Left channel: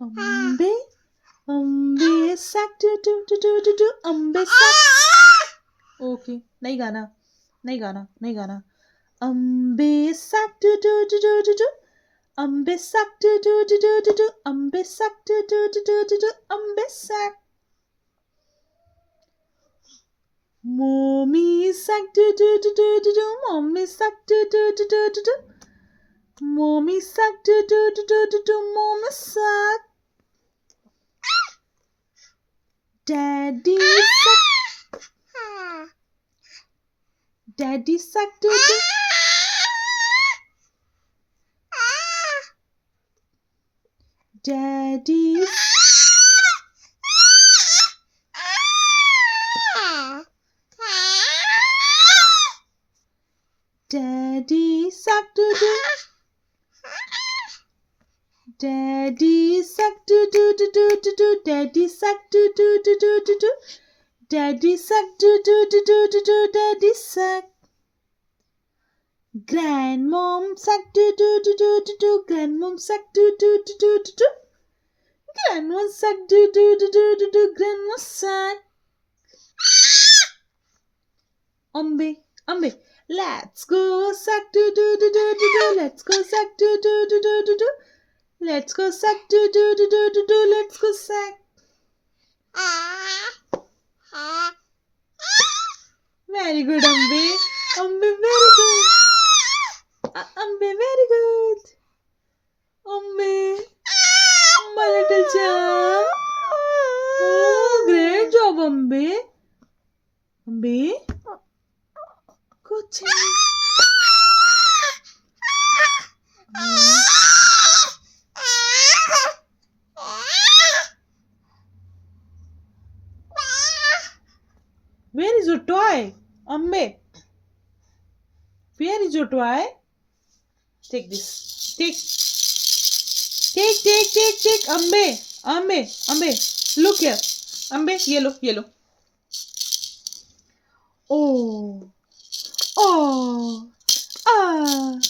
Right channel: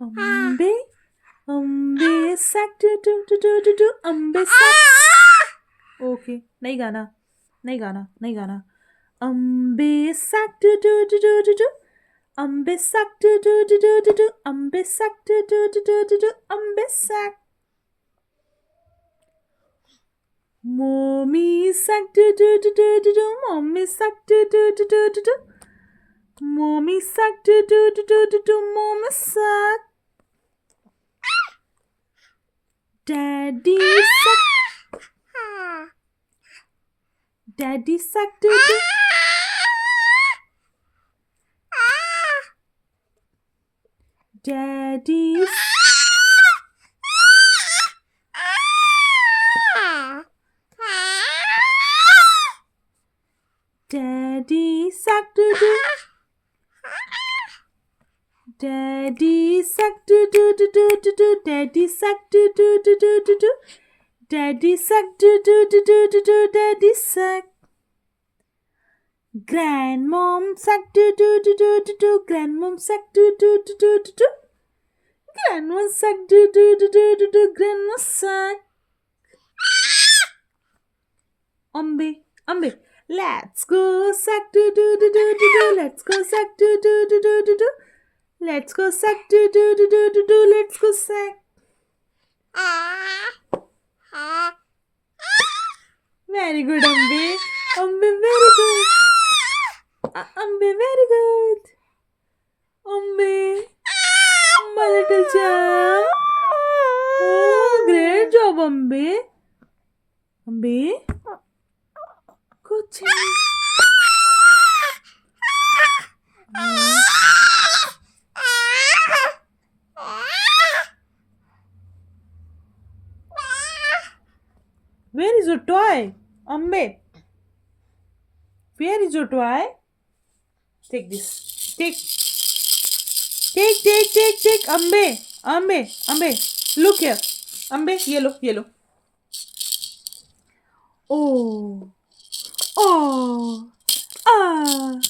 Ambe, ambe sack do ambe sack. Okay, नहीं गाना, नहीं गाना, नहीं गाना. Ambe sack do. Ambe sack do. Ambe sack do. Ambe sack. Mommy sack do. Mommy sack do. Mommy sack do. Mommy sack. Daddy sack. Daddy sack do. Daddy. Daddy sack do. Daddy sack do. Daddy sack do. Daddy sack do. Daddy sack. Grandmom sack do. Grandmom sack do. Grandma sack do. Grandma sack. Ambe. Let's go sack do. Let's go sack do. Let's go sack do. Let's go sack. Very good, Ambe. Ambe, very good. Ambe, very good. Ambe, my little champ. Oh, great job, Ambe. Ambe, good job. Where is your toy, Ambe? Where is your toy? Take this. Take, Ambe. Look here. Ambe, yellow. Oh. Ah.